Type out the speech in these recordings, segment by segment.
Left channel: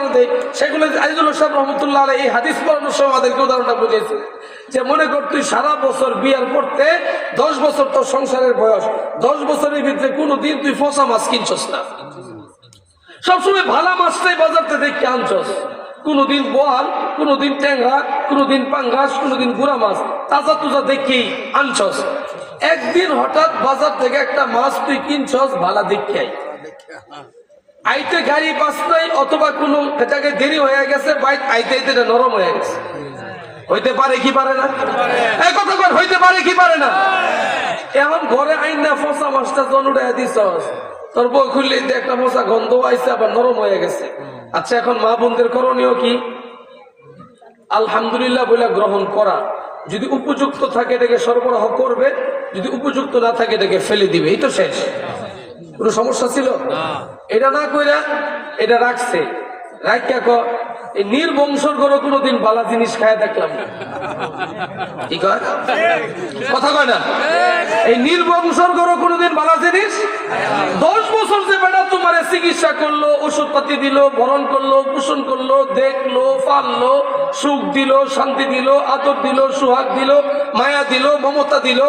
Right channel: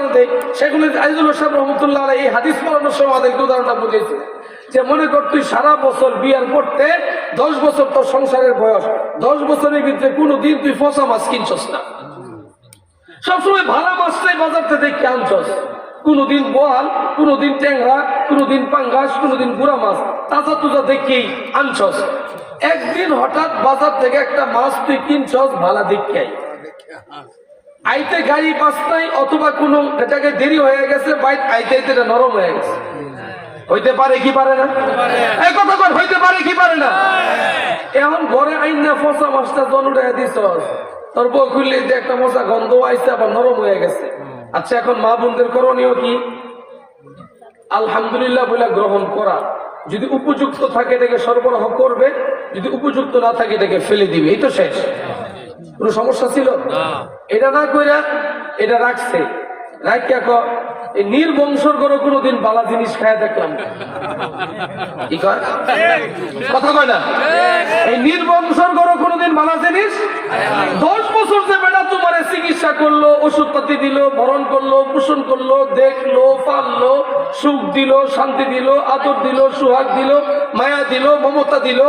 উদাহরণ দেয়, সেগুলো আজিজুল সাহেব রহমতুল্লাহ আলাইহি এই হাদিস পড়ানোর সময় আমাদেরকে উদাহরণটা বুঝেছে যে মনে কর তুই সারা বছর বিয়ার পড়তে 10 বছর তোর সংসারের বয়স, 10 বছরের ভিতরে কোনোদিন তুই ফসা মাছ কিনছস না, সবসময় ভালো মাছটাই বাজারতে দেখে আনছস, কোনোদিন বোয়াল, কোনোদিন ট্যাংরা, কোনোদিন পাঙ্গাস, কোনোদিন গুড়া মাছ তাজা তুজা দেখেই আনছস। একদিন হঠাৎ বাজার থেকে একটা মাছ তুই কিনছস ভালো দেখে, আইতে গাড়ি পাস নাই অথবা কোনো জায়গায় দেরি হয়ে গেছে, বাইক আইতে আইতে নরম হয়ে গেছে, হইতে পারে কি পারে না? এই কথা কর, হইতে পারে কি পারে না? এখন ঘরে আইন না ফসা মাছটা জনুড়ে দিছস, তোর বউ খুললে একটা মশা গন্ধ আইছে আবার নরম হয়ে গেছে। আচ্ছা এখন মা বোনদের করণীয় কি? আলহামদুলিল্লাহ বলে গ্রহণ করা, যদি উপযুক্ত থাকে এটাকে সরবরাহ করবে, যদি উপযুক্ত না থাকে এটাকে ফেলে দিবে, এই তো শেষ। কোনো সমস্যা ছিল? এটা না কইরা এটা রাখছে, রাখিয়া এই নির্বংশর করে কোনোদিন বালা জিনিস খায় দেখলাম না। কি কয় কথা কয় না? এই নির্বংশর করে কোনোদিন বালা জিনিস 10 বছর যে বেটা তোমার চিকিৎসা করলো, ওষুধ পাতি দিল, বরণ করলো, পোষণ করলো, দেখলো, পাললো, সুখ দিল, শান্তি দিল, আদর দিল, সুহাগ দিল, মায়া দিল, মমতা দিল,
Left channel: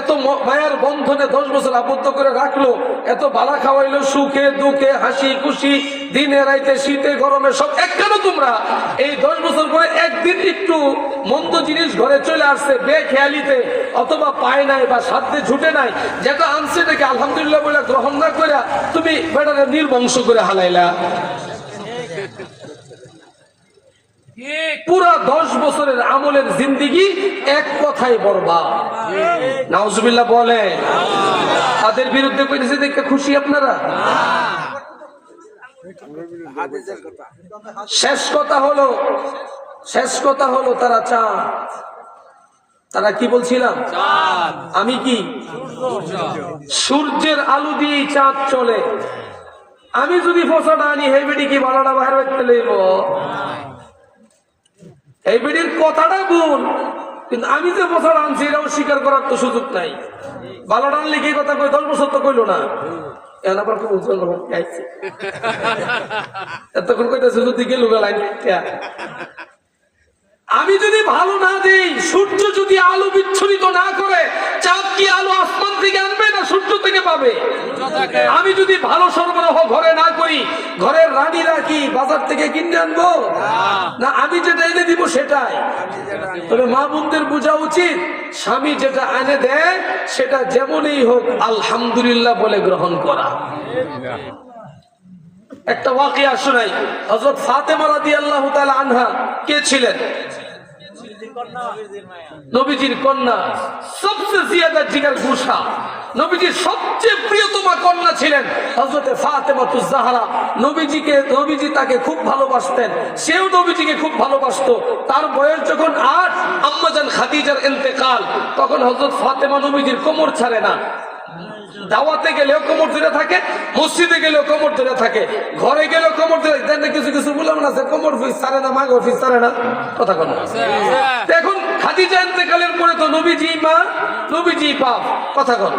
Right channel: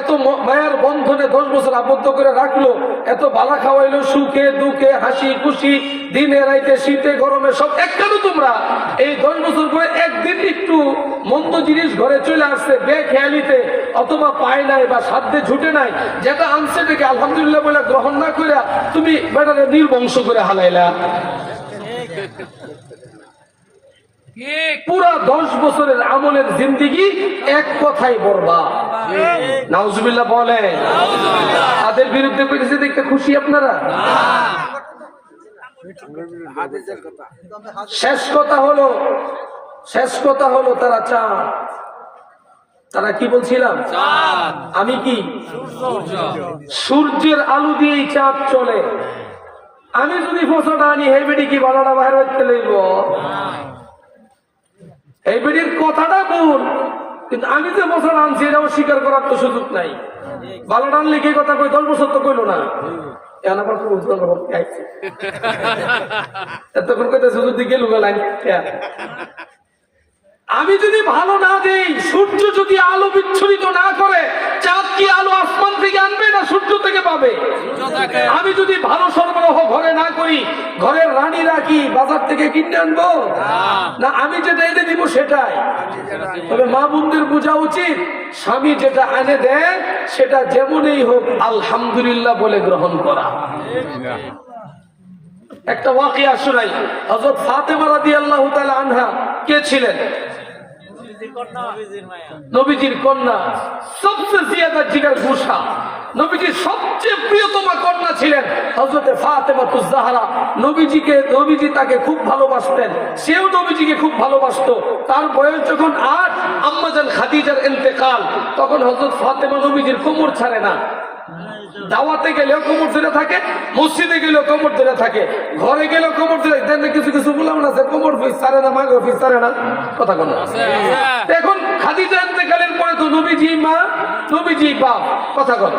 এত মায়ার বন্ধনে 10 বছর আবদ্ধ করে রাখলো, এত বালা খাওয়াইলো, সুখে দুঃখে হাসি খুশি, দিনে রাইতে শীতে গরমে সব এক। কেন তোমরা এই 10 বছর পরে একদিন একটু মন্দ জিনিস ঘরে চলে আসছে বেখেয়ালিতে, অথবা পায় নাই বা সাধ্যে ছুটে নাই, যেটা আনছে এটাকে আলহামদুলিল্লাহ বলে গ্রহণ না করে তুমি বেটারে নির্বংশ করে হালাইলা। পুরা 10 বছরের আমলের জিন্দিগি এক কথাই বরবাদ। নাউজুবিল্লাহ বলেন। তাদের বিরুদ্ধে করেছে দেখতে খুশি আপনারা? শেষ কথা হলো তারা চাঁদ। তারা কি বলছিলাম? আমি কি সূর্যের আলো দিয়েই চাঁদ চলে। আমি যদি ফসলটা আনি এই বেডি কি বালাটা বাইরে রাখতে লইব? এই বেডির কথাটা ভুল, কিন্তু আমি যে ফসল আনছি এটা অস্বীকার করার তো সুযোগ নাই। বালাটা আনলে কি কথা কই 10 বছর তো কইলো না, আমি যদি ভালো না দেই, সূর্য যদি আলো বিচ্ছুরিত না করে, চাঁদ কি আলো আসমান থেকে আনবে না সূর্য থেকে পাবে? আমি যদি ভালো সরবরাহ ঘরে না করি, ঘরের রানীরা কি বাজার থেকে কিনে আনবো না? আমি যেটা এনে দিব সেটাই। তবে মা বোনদের বোঝা উচিত, স্বামী যেটা এনে দেয় সেটা যেমনই হোক আলহামদুলিল্লাহ বলে গ্রহণ করা। একটা ওয়াকিয়া শোনাই। হযরত ফাতেমা রাদিয়াল্লাহু তাআলা আনহা কে ছিলেন? নবীজির কন্যা, সবচেয়ে জিয়াদা জিগার গোসা, নবীজির সবচেয়ে প্রিয়তমা কন্যা ছিলেন হযরতে ফাতেমাতুজ জাহরা। নবীজি তাকে খুব ভালোবাসতেন, সেও নবীজিকে খুব ভালোবাসতো। তার বয়স যখন 8, আম্মাজান খাদিজার ইন্তেকাল, তখন হযরত ফাতেমা নবীজির কোমর ছাড়ে না। দাওয়াতে গেলেও কোমর ধরে থাকে, মসজিদে গেলেও কোমর ধরে থাকে, ঘরে গেলেও কোমর ধরে। কিছু কিছু বললাম না যে কোমর ফিস ছাড়ে না, মাগো ফিস ছাড়ে না, কথা বল। এখন খাদিজা ইন্তেকালের পরে তো নবীজি মা, নবীজি বাপ, কথা বল।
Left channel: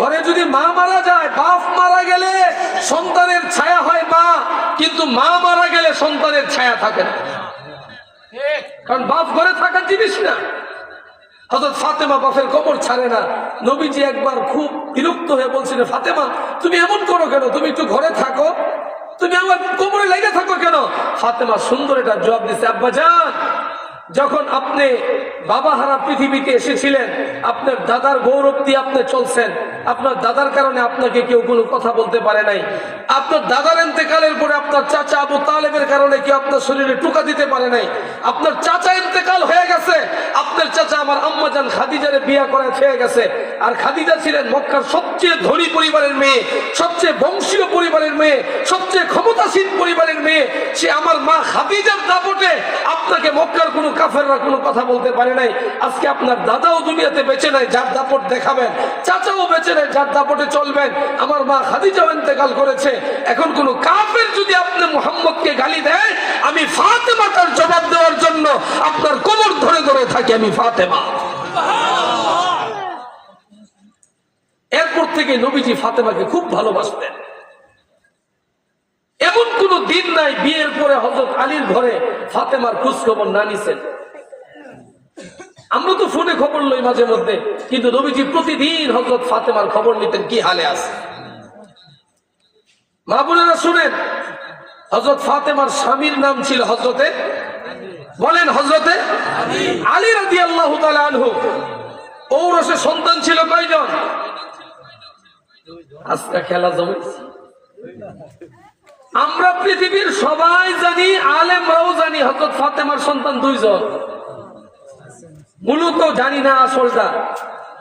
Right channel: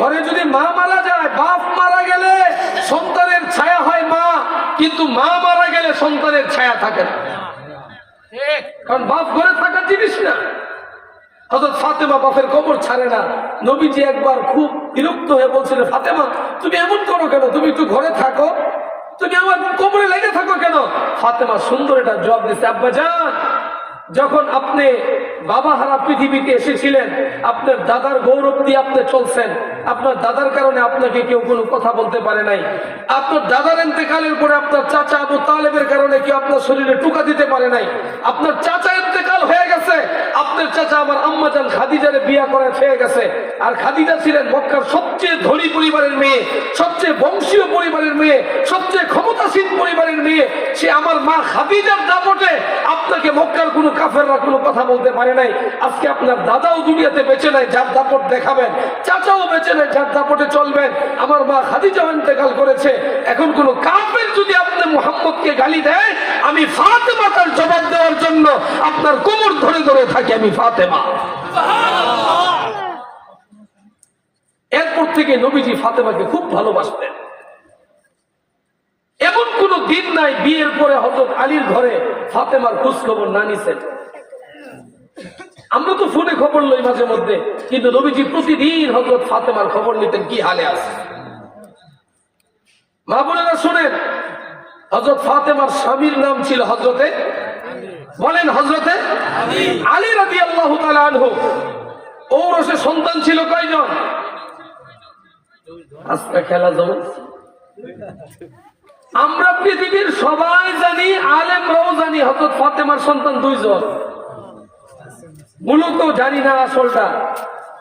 ঘরে যদি মা মারা যায়, বাপ মারা গেলে সন্তানের ছায়া হয় মা, কিন্তু মা মারা গেলে সন্তানের ছায়া থাকে না, কারণ বাপ ঘরে থাকার জিনিস না। হযরত ফাতেমা বাপের কবর ছাড়ে না। নবীজি একবার খুব বিরক্ত হয়ে বলছিলেন, ফাতেমা তুমি এমন করো কেন? তুমি একটু ঘরে থাকো, তুমি আমার কবরে লেগে থাকো কেন? ফাতেমা সুন্দর একটা জবাব দিচ্ছে, আব্বাজান, যখন আপনি বাবা হারা পৃথিবীতে এসেছিলেন, আপনার দাদার গৌরব দিয়ে আপনি চলছেন, আপনার দাদার কারণে আপনাকে কেউ কোনো কথা বলতে পারে নাই। আপনার দাদার ইন্তেকালের পরে আপনার চাচা আবু তালেবের কারণে কেউ আপনার শরীরে টোকা দিতে পারে নাই। আপনার চাচা ইন্তেকাল হয়ে গেছে, আপনার চাচা আমার আম্মাজান খাদিজারে বিয়ে করে খেয়ে গেছে। আর খাদিজা ছিলেন মক্কার সবচেয়ে ধনী পরিবারের মেয়ে, সবচেয়ে বংশীয় পরিবারের মেয়ে, সবচেয়ে ক্ষমতাসীন পরিবারের মেয়ে। সে আমার মা খাদিজার দাপটে আপনাকে মক্কার কোনো কাফেররা কোনো কথা বলতে পারে নাই। আজকে আপনার দাদাও দুনিয়াতে বেঁচে নাই, যার দাপট দেখাবেন, চাচাও বেঁচে নাই, যার দাপটে চলবেন। আমার মা খাদিজাও ইন্তেকাল করেছে। এখন কোন কাফের যদি আপনি মুহাম্মদকে গালি দেয়, আমি ফাতেমা তার জবাব দেওয়ার জন্য আপনার কোমর ধরে ধরে থাকি, আমি ফাতেমা। এরপর থেকে নবীজি ফাতেমাকে খুব ভালোবাসতেন। এমন কোন দিন নাই বিয়ের পরে হযরত আলীর ঘরে ফাতেমার খোঁজ খবর না নিছেন। আমরা তো ফোনে খবর লই মাঝে মধ্যে, কিন্তু নবীজি প্রতিদিন হযরত ফাতেমার খবর নিতেন কি হালে আছে। মা বোনেরা শুনেন, হযরত ফাতেমার স্বামীর নাম ছিল হযরতে, বলেন হযরতে আলী রাদিয়াল্লাহু তাআলা আনহু। ঔরসে সন্তান ছিল কয়জন? আজকে খেলা জমেছে। আমরা পৃথিবীর সবাই জানি, আলেমরাও জানি, হযরত ফাতেমার সন্তান 2 জন। মূলত জানি না আসলটা।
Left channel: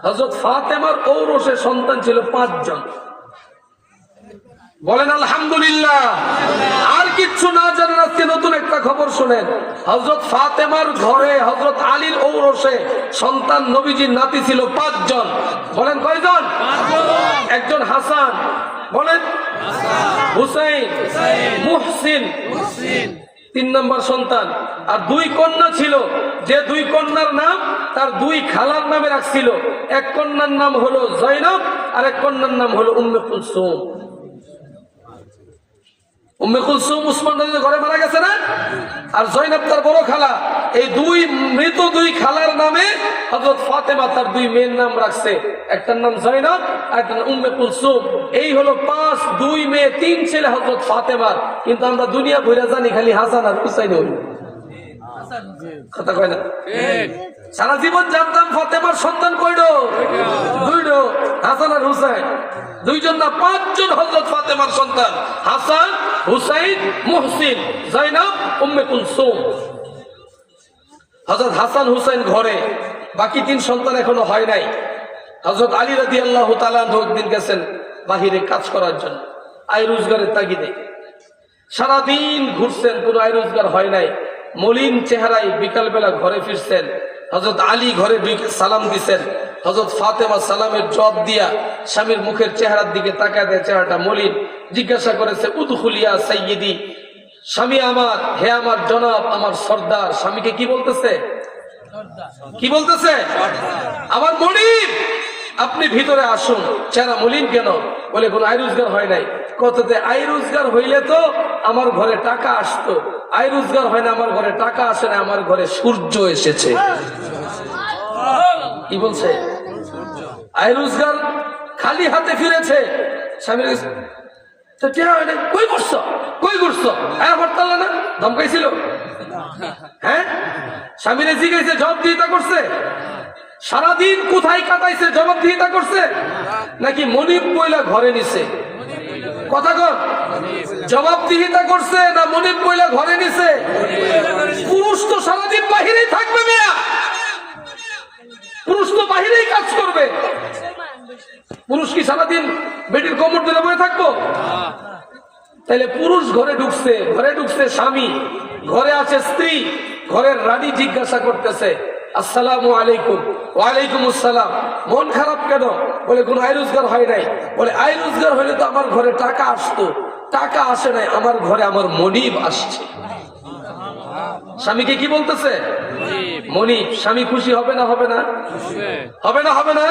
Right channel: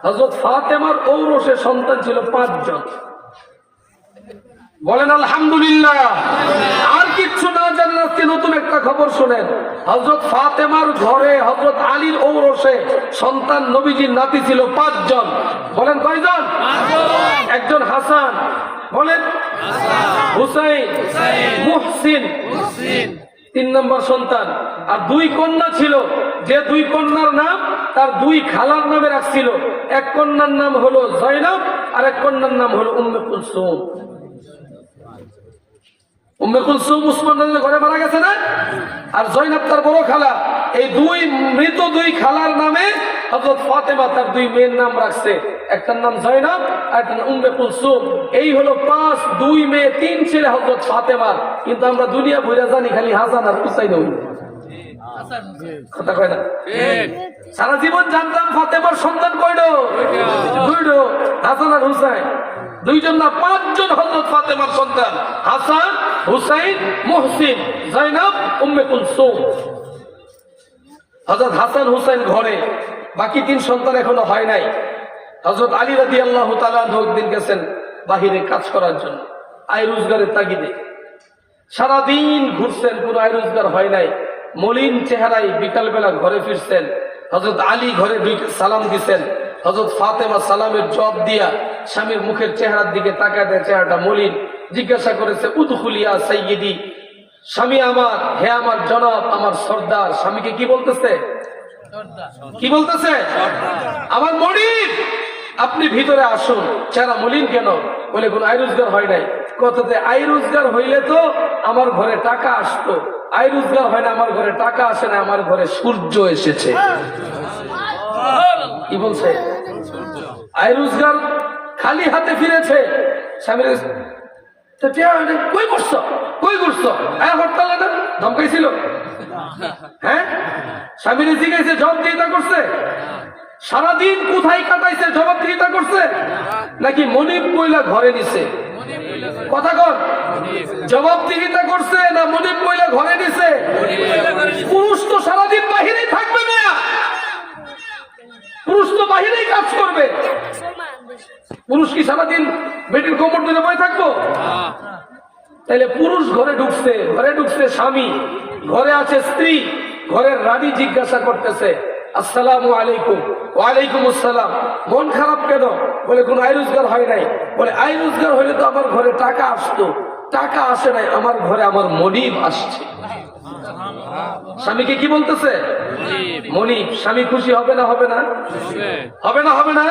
হযরত ফাতেমার ঔরসে সন্তান ছিল 5 জন। বলেন আলহামদুলিল্লাহ। আর কিচ্ছু না জানেন, আজকে নতুন একটা খবর শুনেন। হযরত ফাতেমার ঘরে হযরত আলীর ঔরসে সন্তান নবীজির নাতি ছিল 5 জন। বলেন কয়জন? 5 জন। একজন হাসান, বলেন হুসাইন, মুহসিন 3 নম্বর সন্তান। আর 2 কন্যা ছিল, যে 2 কন্যার নাম তার 2 খালার নামে রাখছিল। এক কন্যার নাম হলো জয়নব, আর এক কন্যার নাম হলো উম্মে কুলসুম। উম্মে কুলসুম উসমান রাদিয়াল্লাহু ঘরে মারা গেছে না, আর জয়নব তার বড় খালা। এই 2 মৃত 2 খালার নামে হযরত ফাতেমা তার 2 মেয়ের নাম রাখছে। একটার নাম জয়নব আর একটার নাম উম্মে কুলসুম। এই হলো 5, 2 মেয়ে 3 ছেলে হযরত ফাতেমার। কিন্তু আমরা দুনিয়া ভুইরা জানি খালি হাসান আর হুসাইন হইল। কথা কয় না? সারা জীবন জানতাম ফাতেমার সন্তান কয়টো? 2, হাসান আর হুসাইন। 2 জন না, 5 জন হযরত ফাতেমার সন্তান। হাসান, হুসাইন, মুহসিন, জয়নব, উম্মে কুলসুম। হযরত হাসান হুসাইন ঘরে, বাকি 3 সন্তান এখনো হয় নাই। হযরত আলী রাদিয়াল্লাহু তাআলা একদিন গেছেন বাহিরে কাজ করার জন্য, আয় রোজগারের তাগিদে। সারাদিন ঘুরছেন, কোনো আয় রোজগার হয় নাই। মলিন চেহারায় বিকালবেলা ঘরে ফিরছেন। হযরত আলী ঘরে ঢুকে সালাম দিছেন। হযরত ফাতেমা সালামের জবাব দিয়া স্বামীর মুখের চেহারার দিকে তাকায় দেয়, চেহারাটা মলিন। জিজ্ঞাসা করেছে, উদখুলিয়া সাইয়্যিদি, স্বামী আমার, হে আমার জনাব, আমার সর্দার। স্বামীকে কি বলতেছে? কি বলতেছে? আমার মনিব, আপনি ভিতরে আসুন। চেহারা মলিন কেন? বলে কোন আয় রোজগার হয় নাই। কততে আয় রোজগার হইলে তো আমার ঘরে টাকা আসতো। আয় রোজগার হয় না, আমার ঘরে টাকা আসে না, আমার ঘরে সূর্য এসেছে। কি বলছে? আয় রোজগার খালি হাতে ফিরেছে। স্বামীর কই করছো, কই করছো? হরতাল না ধমকাইছিল? হ্যাঁ, স্বামীরে জিজ্ঞাসা, জবাবদিহিতা করছে? সারাদিন কোথায় কাটাইছে? জবাবদিহিতা করছে নাকি মনিব বইলা ঘরে নিছে? কথা কন, জবাবদিহিতা করছে না মনিব বইলা ঘরে নিছে? পুরুষ তো সারাদিন বাহিরেই থাকবে মিয়া, পুরুষ তো বাহিরেই কাজ করবে। পুরুষ কি সারাদিন বেটির কোমর ধরে বসে থাকবো? তাহলে পুরুষ ঘরে ঢুকছে, ঘরে ঢুকছে স্বামী, ঘরে আছে স্ত্রী। ঘরের রানী জিজ্ঞাসা করতেছে, আসসালামু আলাইকুম। ওয়ালাইকুম আসসালাম। মন খারাপ কেন? বলে কোন আয় রোজগার হয় নাই। বলে আয় রোজগার হইলে তো আমার ঘরে টাকা আসতো, টাকা আসে নাই, আমার ঘরে আমার মনিব আসছে। স্বামীকে কি বলতেছে? মনিব। স্বামী খুশি হবে না? হবে না? হবে না? হবে না?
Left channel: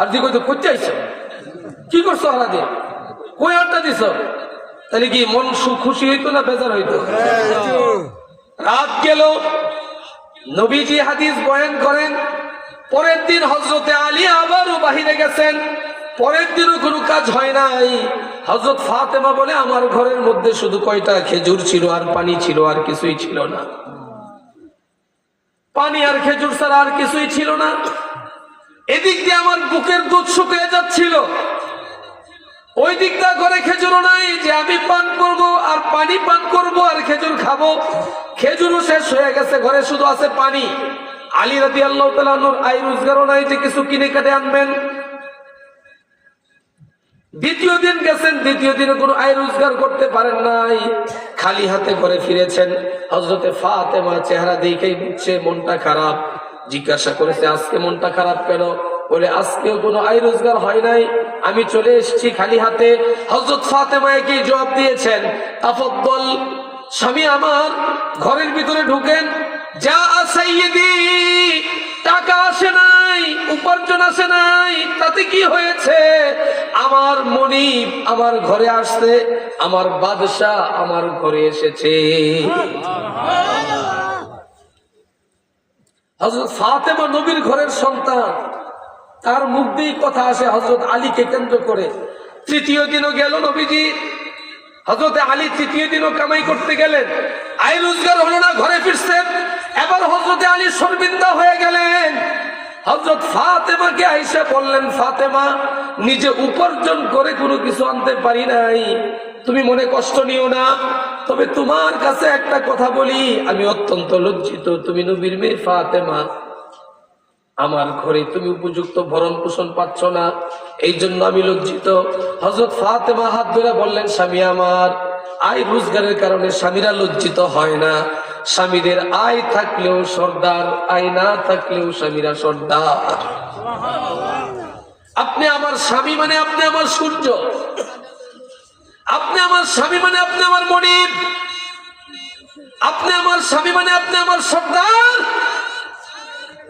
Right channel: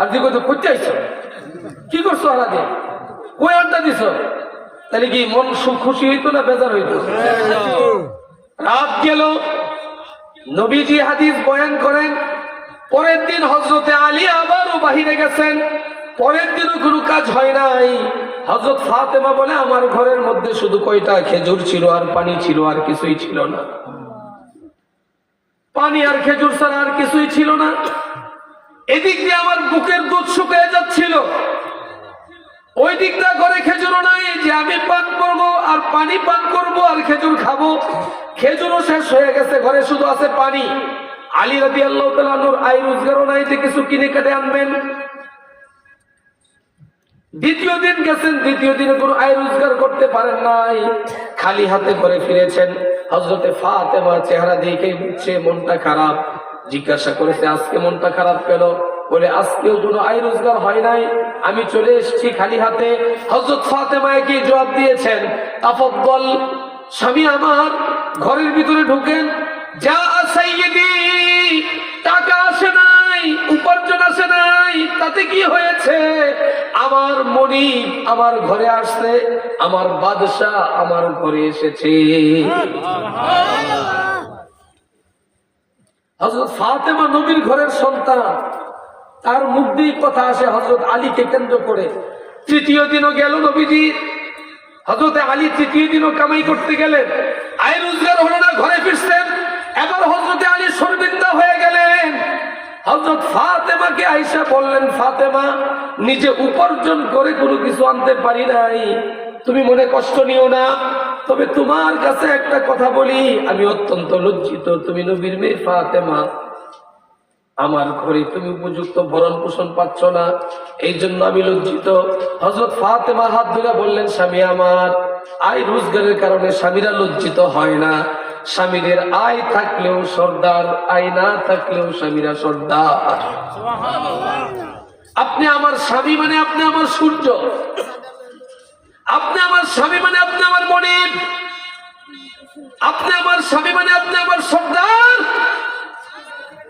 আর তুই কই তো করতে আইছো, কি করছো? সারাদিন কই আড্ডা দিছ? তাহলে কি মন খুশি হইতো না বেজার হইতো? রাত গেল, নবীজি হাদিস বয়ান করেন। পরের দিন হযরতে আলী আবারও বাহিরে গেছেন। পরের দিনও কোনো কাজ হয় নাই। হযরত ফাতেমা বলে, আমার ঘরের মধ্যে শুধু কয়টা খেজুর ছিল আর পানি ছিল, আর কিছুই ছিল না। পানি আর খেজুর ছাড়া আর কিছুই ছিল না। এদিক দিয়ে আমার বুকের দুধ শুকিয়ে যাচ্ছিল, ওই দিকটা ঘরে খেজুরও নাই যে আমি পান করব আর পানি পান করব আর খেজুর খাবো। খেজুরও শেষ হয়ে গেছে, ঘরে শুধু আছে পানি। আলী রাদিয়াল্লাহু তাআলা আনহুর আয় রোজগারও নাই যে কিছু কিনে কেটে আনবেন। দ্বিতীয় দিন গেছেন, দ্বিতীয় দিনে কোনো আয় রোজগার করতে পারেন নাই, খালি হাতে ঘরে ফিরেছেন। হযরতে ফাতেমা চেহারা দেখেই বুঝছে মনটা খারাপ। জিজ্ঞাসা করেছে, আজকে মনটা খারাপ কেন? বলে আজকেও কোনো আয় রোজগার হয় নাই, আমি চলে এসেছি খালি হাতে। হযরত ফাতেমা কি জবাব দিয়েছেন, তাফাদ্দাল, স্বামী আমার, ঘরের ভিতরে ঢুকেন। যা সাইয়্যিদি, টাকা আসে নাই, উপার্জন আসে নাই, তাতে কি হয়েছে? আমার মনিব আমার ঘরে আসছে, আমার বাদশা আমার ঘরে এসেছে। হযরত ফাতেমা নবীর ঘরের সন্তান, তার মুখ দিয়ে কথা আসে হযরত আলীকে কেন্দ্র করে। তৃতীয় দিনও গেল নবীজি, হযরত আলী তৃতীয় দিনও কামাই করতে গেলেন, আয় রোজগার হলো না, ঘরে ফিরছেন। এবার হযরত আলী শর্মিন্দা হয়ে গেলেন। হযরত ফাতেমাকে আয়েশা বললেন, ফাতেমা, নিজে উপার্জন করে কোনো কিছু আনতে পারি নাই, তুমি মনে কষ্ট নিও না, তবে তোমার কাছে একটা কথা বলি, আমি অত্যন্ত লজ্জিত। তুমি নবীর মেয়ে ফাতেমা, আমার ঘরে তুমি উপযুক্ত ভরণ পোষণ পাচ্ছ না, এই জন্য আমি লজ্জিত। হযরত ফাতেমা হাত ধরে বললেন, স্বামী আমার, আয় রোজগারের কারণে স্বামীরা লজ্জিত হয় না। স্বামীদের আয় থাকলেও সর্দার, আয় না থাকলেও স্বামীরা সর্দার। আপনি আমার স্বামী মানে আপনি আমার সূর্য, আপনি আমার স্বামী মানে আপনি আমার মনিব, আপনি আমার স্বামী মানে আপনি আমার সর্দার,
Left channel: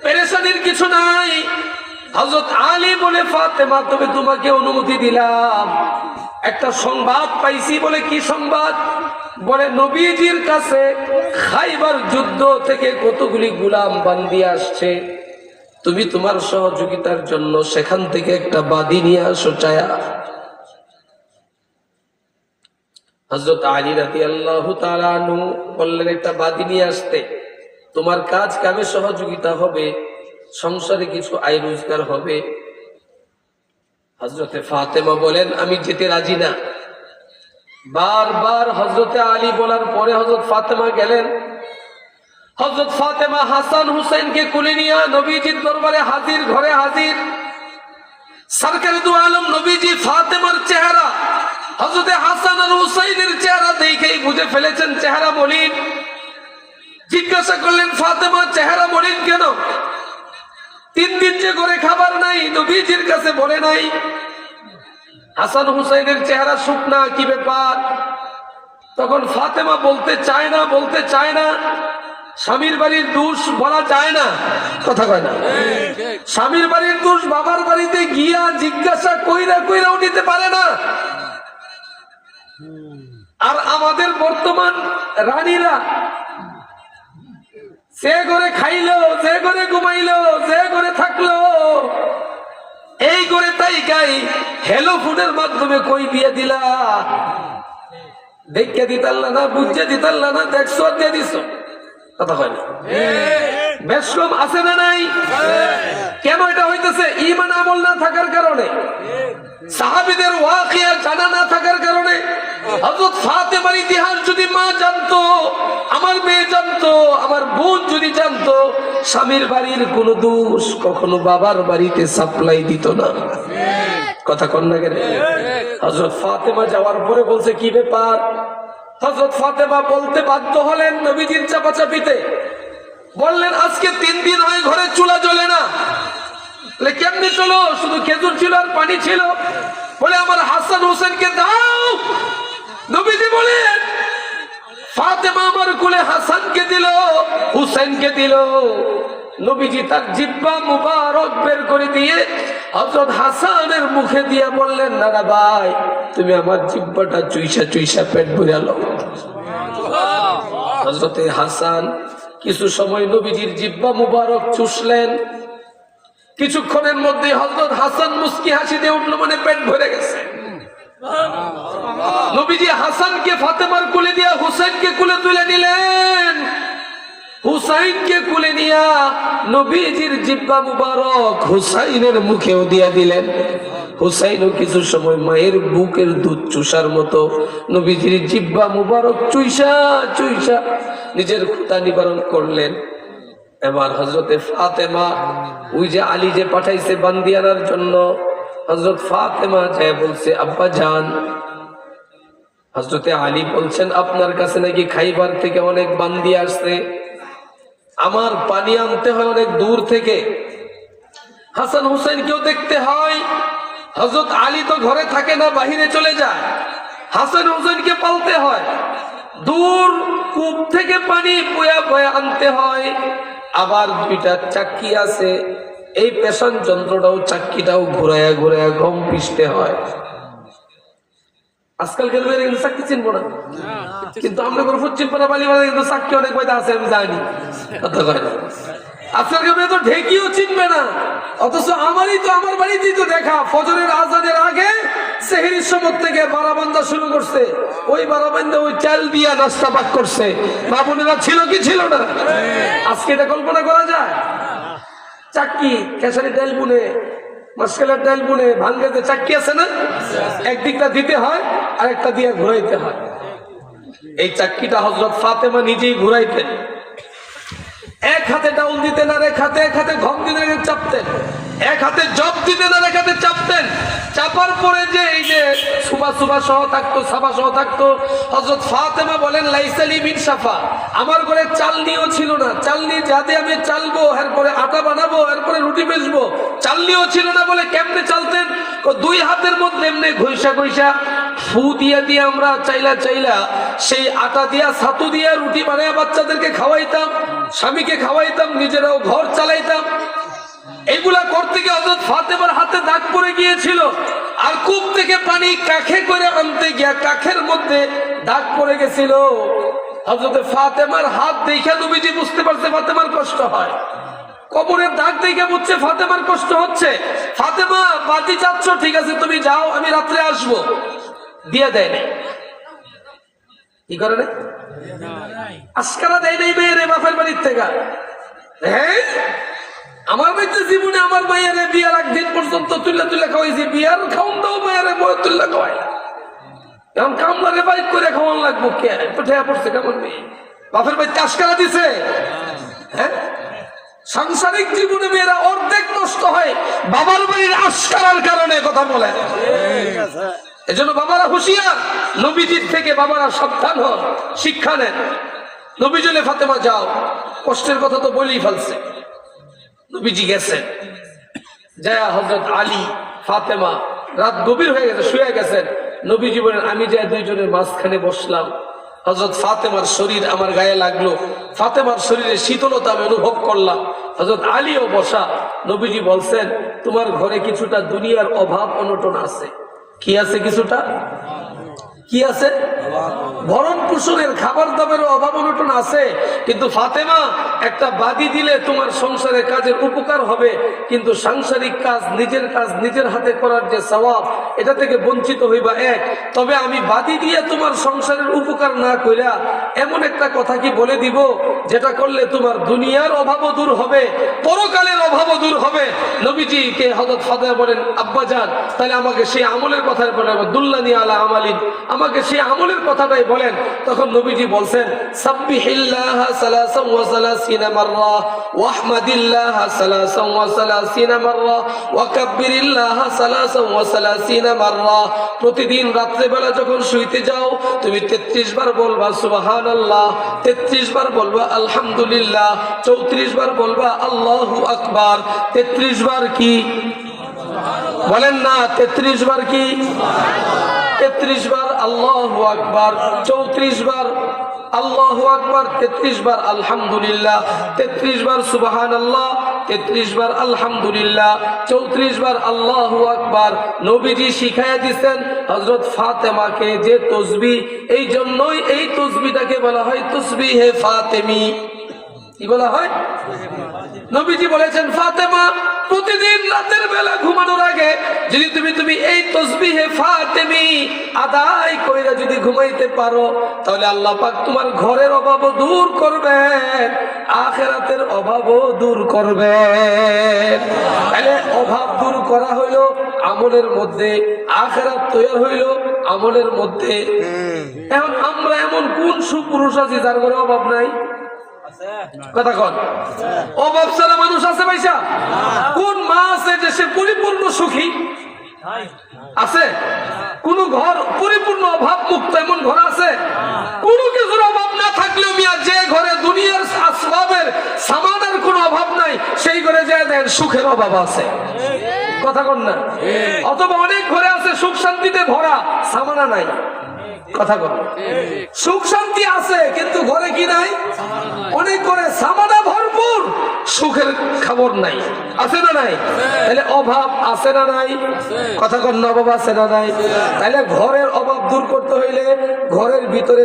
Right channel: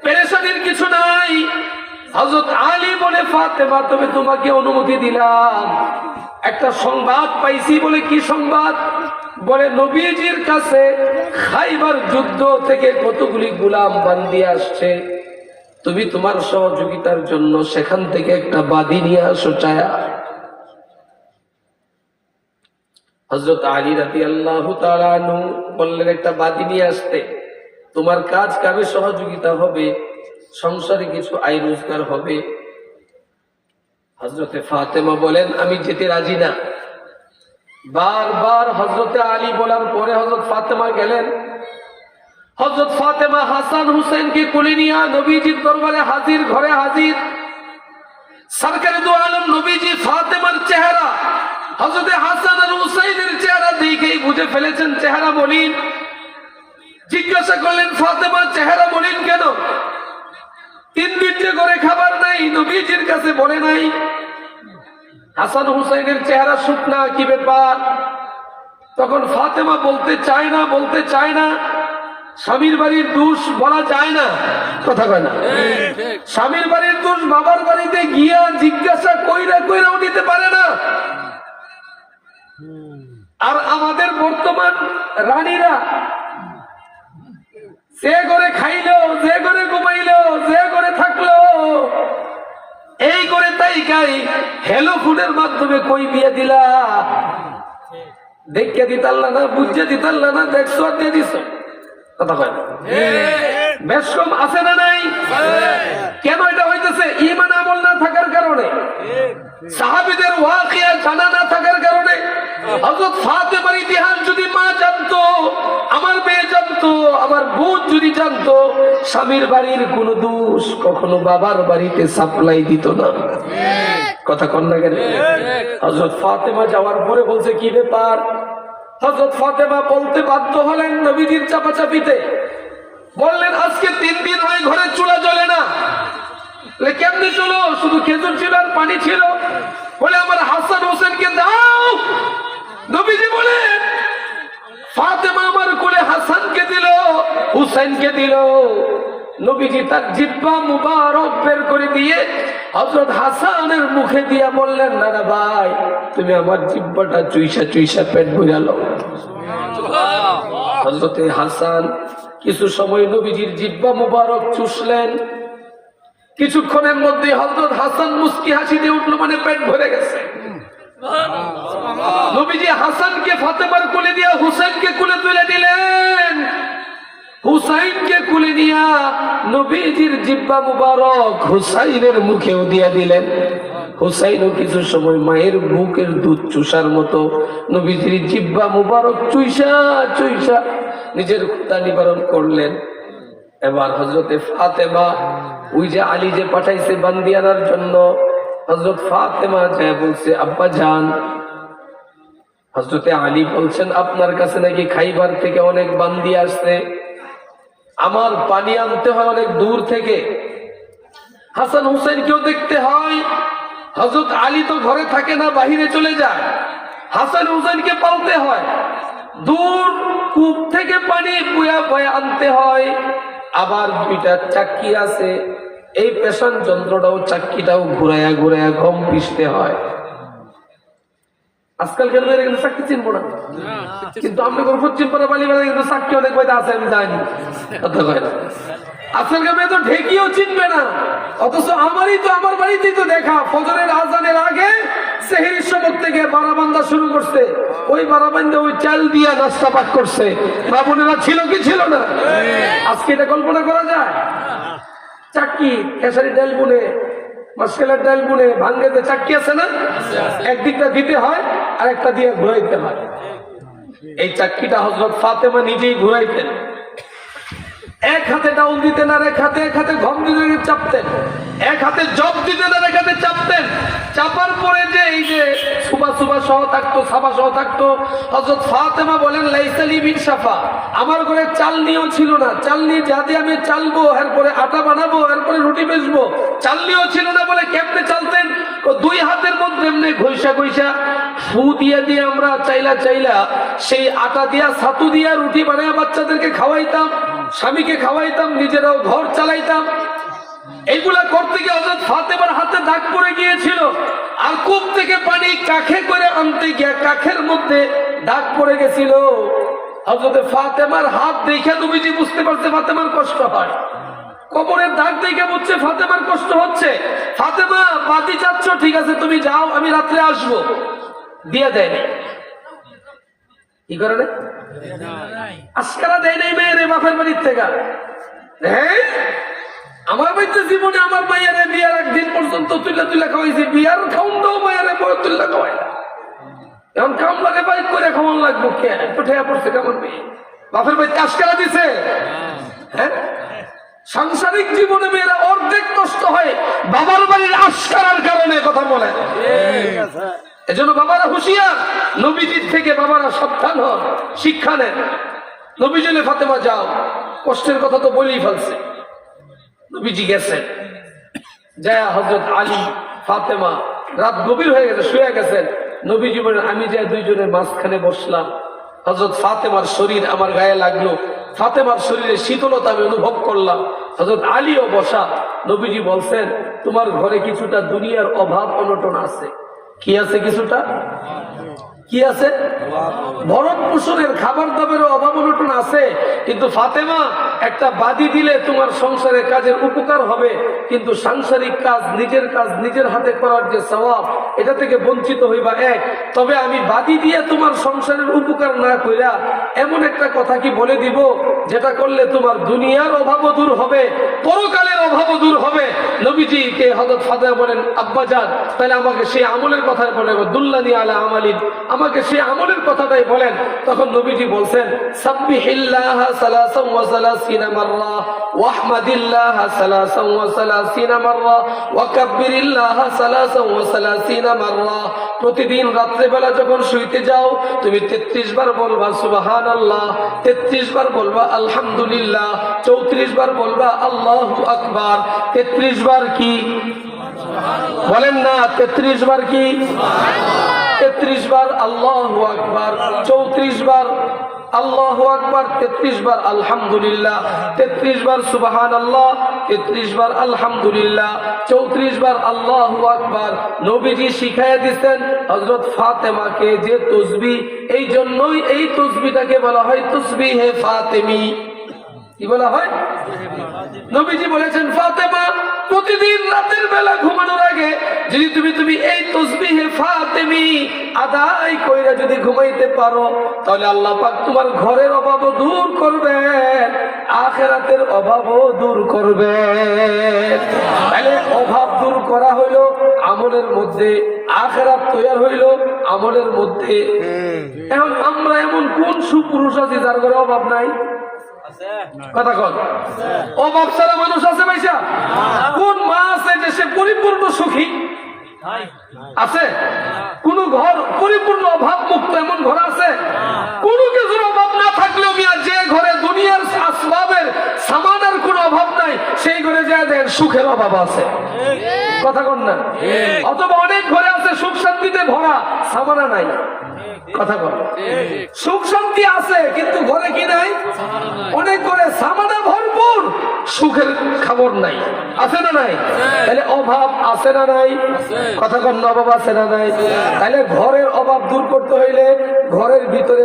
পেরেশানির কিছু নাই। হযরত আলী বলে, ফাতেমা, তবে তোমাকে অনুমতি দিলাম, একটা সংবাদ পাইছি। বলে কি সংবাদ? বলে নবীজির কাছে খাইবার যুদ্ধ থেকে কতগুলি গোলাম বান্দি আসছে, তুমি তোমার সহযোগিতার জন্য সেখান থেকে একটা বাদী নিয়ে আসো চায়া। হযরত আলী রাদিয়াল্লাহু তাআলা আনহু বললেন, একটা বাদী নিয়ে আসতে, তোমার কাজ কামে সহযোগিতা হবে, সংসারে কিছু আয় রোজগার হবে। হযরতে ফাতেমা বলেন, আমি যেতে রাজি না। বারবার হযরতে আলী বলার পরে হযরত ফাতেমা গেলেন। হযরত ফাতেমা হাসান হুসাইনকে কোলে নিয়ে নবীজির দরবারে হাজির, ঘরে হাজির। সরকারে দু আলম নবীজি ফাতেমার চেহারা হযরতে হাসান আর হুসাইনের চেহারা দেখেই বুঝে ফেলেছেন চেহারা মলিন। জিজ্ঞাসা করলেন, ফাতেমা, চেহারা মলিন কেন? 3 দিন যে করে খাবার নাই, নবীজির কাছে বলে নাই। হাসান হুসাইনের চেহারা শুকনা, কি ব্যাপার? তখন ফাতেমা বলতে চায় না। স্বামীর বাড়ির দোষ বলা যায় না, কথা কয় না। স্বামীর বাড়ির দোষ বাবার বাড়িতে গিয়া জিজ্ঞাসা কইরাও নিতে পারে না। আর আমাদের বর্তমান রানীরা যে করে খাইলো, যে করে ঘুমাইলো, যে করে থাকলো, এই করে তাই গাই হেলো ফুডের মাধ্যমে কই দিয়ে দিলা, দেখে দিতাল্লা না, বুঝে দিতাল্লা না, দেখছো আর দিয়ে দিছো, কথা হয় না। বেশ কম আছে না নাই? কেন এটা হইতেছে? ঈমান আমল না থাকার কারণে, সাহাবীদের ওয়াকিয়া জানা না থাকার কারণে। হযরত ফাতেমার ইতিহাস যদি মা জানতো, আমার মেয়ে জানতো, আমার বোন যদি জানতো, স্বামীর বাড়ির কোন দোষ কখনো বাবার বাড়িতে সাপ্লাই দিত না, কথা কন না কেন? হযরত ফাতেমা যাওয়ার পরে বলছে, কি ব্যাপার? হযরত ফাতেমা বলতে বাধ্য হলেন নবীজির চাপাচাপিতে। বললেন, আজকে 3 দিন হয় ঘরে চুলা জ্বলে না। কেমনে চলো? শুধু খেজুর ছিল আর পানি ছিল। বলে, আমার হাসান হোসেনকে দাও। নবীজি বলেন, ফাতেমা আমার কোলে হাসানকে দিল, হুসেনকে দিল। নবীজি তার জিহ্বা মুবারক বের করে দিয়ে হযরত হাসানের মুখে দিয়া বললেন, না ভাই, তুমি আমার জিহ্বাটা চুইসা পেট ভরে নাও। হযরতে হাসান কিছু সময় নবীজির জিহ্বা মুবারক চুষলেন। কিছুক্ষণের মধ্যে হযরত হাসান মুস্কি হাসি দিয়ে উঠলো, মানে পেট ভরে গেছে। নবীজি হাসানকে ফাতেমার কোলে দিয়া হুসাইনকে কোলে তুলে দিলেন। হুসাইনকে কোলে নিয়া নবীজির জিহ্বা মুবারক হুসাইনের মুখেও দিয়া দিলেন। হুসাইনও কিছু সময় মায়ের বুকের দুধ চুষার মতো নবীজির জিহ্বা মুবারক চুইসা নিজের ক্ষুধা নিবারণ করলেন। এবার হযরতে ফাতেমা, ওই যে আলী যে পাঠাইছে বান্দি আনার জন্য, হযরত ফাতেমা যায় বলছে, আব্বা জান। হযরতে আলী বলছেন, আপনার কাছে নাকি খাইবার থেকে অনেক বান্দি আসছে, আমার পানি আনতে হয় অনেক দূর থেকে, হাসান হুসাইনকেও দেখতে হয়। হযরত আলী তো ঘরে থাকে না, বাহিরে চলে যায়, হাসান হুসাইনকে পালতে হয়, দূর কূপ থেকে পানি বয়া আনতে হয়। আবার 2টা চাকি আছে, এই পেশান যন্ত্রটাও চাক্কিটাও ঘুরাইয়া ঘুরাইয়া গম পিষতে হয়। আজকালকার মেয়েরা কিন্তু চাকরি চিনবো না, কিন্তু আমরা কোনো পশ্চিম পাড়া বালি মারা কিন্তু চাকরি অনেক বাইরে আছে, আমি জানি। আজকালকার মেয়ে তো ঢেকিও চিনবে না, অথচ আমারই তো আমার বাড়িতেই তো দেখা ফজরের আজানের আগে সেহরির সময় থেকে বারাবান্দা শুরু করছে, ওই বারাবান্দা ওই চাল দিয়া নাস্তা পাক করছে। মা বোনেরা ছিল কি ছিল না? আজকে এটা কল্পনা করা যায়? চাক্কি খেসারি ডাল বুনে, মাসকালের ডাল বুনে ভাঙ্গে চাক্কি আছে না, একদিকটা দিতে হয় আর একটা দিয়ে ঘুরাইতে হয়। এই চাক্কিটা হযরত ফাতেমা নিজেই ঘুরাইতেন, এক হাতে ডাউন দিতেন আর এক হাতে ঘম দিতেন, চাপতেন, এক হাতে জব দিতেন আর এক হাতে চাপতেন। চাপার পরে যে এই যে সুবা সহ থাকতো, সাবা সহ থাকতো, হযরত ফাতেমা বলেন লাইসালি বিন সাফা, আমার ঘরে চালনিও ছিল না, চালনি যাতে আমি চালবো, এরপরে আটা বানাবো, এরপরে রুটি বেচবো, চালনিও ছিল না বলে কেমনে চালতেন? দুই হাতের মধ্যে এমনি ঘষা ফু দিয়ে আমরা চাইলা সেই আটা দিয়া ছাতু দিয়া রুটি বানায় বাচ্চাদেরকে খাওয়াইতাম, স্বামীকে খাওয়াইতাম, নিজেরাও ঘর চালাইতাম। এইগুলা করতে গিয়ে হযরত ফাতেমার হাতে দাগ পড়ে গিয়েছিল, আর কূপ থেকে পানি কাখে করে আনতে গিয়া কাখের মধ্যে দাগ পড়ে গেছিল। হযরত ফাতেমার হাত দেখে নবীজি বুঝতে পারছে ফাতেমার কষ্ট হয়, কবরের দাগ দেখে বুঝছে ফাতেমার কষ্ট হচ্ছে। ফাতেমা বাতি চাচ্ছ, ঠিক আছে তুমি যাও, আমি রাত্রে আসবো, দিয়ে দেয় নাই। কি করে রে? আজকারা দেয় নাই মেয়েরে বাপের বাড়ির থেকে। হ্যাঁ, আমার বাড়িতে জীবনে আমার মায়ের বিয়ার একদিন পর্যন্ত তুলে খাওয়াইছি, বিয়ার খাউন দাও মায়ের বয়ে তুলে খাওয়াই না। এখন কামলারে বাইক করে খাওয়ান লাগবো, কে তো ঠেয়া পড়ছে কেমন মেয়ে বাপের বাড়িতে আজকারা দিছে। হ্যাঁ, সাংসারিক জীবনে মেয়েরা অর্ধেক নষ্ট হয় বাবার বাড়ির আশকারার কারণে। কথা বলে এজন্য বাবারা হুঁশিয়ার, নবীজির থেকে বাবারা সাবধান হন, শিক্ষা নেন। নবীজি বলে ফাতেমা যাও, কষ্টের কথা তো বলেই ফেলছে। নবীজি গেছেন, যায় হযরত আলী ফাতেমা রাত গভীর হয়ে গেছে, শুয়ে গেছেন। নবীজি বলেন আমি যাই দুইজনের মাঝখানে বসলাম, হযরত ফাতেমার শরীর আমার গায়ে লাগলো, ফাতেমার শরীরে শীতলতা আমি অনুভব করলাম। হযরত আলীও বসা। নবীজি বলছেন তোমার ঘরে কিছুটা দুনিয়ার অভাব অনটন আছে। কি আছে? কিছুটা কি আছে? ভরণ পোষণের খাবার দাবারের অভাব অনটন আছে, কিন্তু ফাতেমা একটা বাদি দিলে তোমার সংসারে কাজের উপকার হবে, কিন্তু সাংসারিক কাজ নিজের হাতে করার যে সওয়াব, এটা থেকে বঞ্চিত হইবা এক। তবে আমি বাদি দিয়ে তোমার সংসারের উপকার না কইরা এমন একটা কথা কি বলে দিব যেটা করলে তোমার দুনিয়ার অভাবও দূর হবে, পরকালের অভাবও দূর হবে। নবীজিকে হযরত ফাতেমা বলেন আব্বাজান তাহলে আমাকে সেই আমলের কথা বলেন, দুল্লানি আলা আমালিন, আমাকে সেই আমলের কথাটাই বলেন। তখন নবীজি বলছেন সাব্বিহিল্লাহ সালাসান ওয়া সালাসিনা মাররা ওয়াহমাদিল্লাহ সালাসান ওয়া সালাসিনা মাররা ওয়া কাব্বিরিল্লাহ সালাসান ওয়া সালাসিনা মাররা। প্রতিদিন রাত্রে বেলা যখন শুইতে যাও তুমি 33 বার বলবা সুবহানাল্লাহ, 33 বার বলবা আলহামদুলিল্লাহ, 34 বার বলবা আল্লাহু আকবার। 33 বার কি বলেন না? 33 বার কি? 33 বার আল্লাহু আকবার, 34 বার আল্লাহু আকবার, 33 বার আলহামদুলিল্লাহ, 33 বার সুবহানাল্লাহ, 33 বার আলহামদুলিল্লাহ, 34 বার আল্লাহু আকবার। নবীজি শিখাইয়া দিয়েছেন হযরত ফাতেমাকে যে তাসবিহ, এই জন্যই এই তাসবিহটাকে বলা হয় তাসবিহে ফাতেমি। কি বলা হয়? নবীজি বলেছেন ফাতেমা প্রতিদিন রাতের বেলা ঘুমানোর আগে যদি তুমি এই তাসবিহে ফাতেমি আদায় কইরা যদি ঘুমাইতে পারো, তাহলে আল্লাহ পাক তোমার ঘরের অভাবও দূর করবেন, আখিরাতের অভাবও দূর করবেন। তাহলে অভাব দূর করা হইলো আমলের মধ্যে, আখিরাত তৈরি হইলো আমলের মধ্যে। এখন আমরা এমন কোন সুপুরুষ আছি যার ঘরে অভাব নাই? কথা কন, অভাব ছাড়া মানুষ আছে পয়সা? কোন মা আছে যে সে পরিপূর্ণ সুখী? আছে? কোন ঘর পরিপূর্ণ অভাব মুক্ত এমন ঘর আছে? কোন কিছুর অভাব না থাকলেও মিয়া যে ঘরে দুনিয়ার আসবাবের সামানের কোনো অভাব নাই সেই ঘরে যায় দেন সুখের অভাব আছে। কথা কন না? অথবা অনেক ঘরে আছে সুখ শান্তিতে ভরা, সামানা নাই। কথা কন, সুখ শান্তি আছে কিন্তু ঘরে কি নাই? অনেক ঘরে সামানা ভরপুর, সুখের খবর নাই, আছে না নাই? তাহলে অভাব আছে না নাই? কথা কম না, অভাব আছে না নাই? তাহলে ঘরের অভাব দূর করতে হইলে ঘরের ভিতরে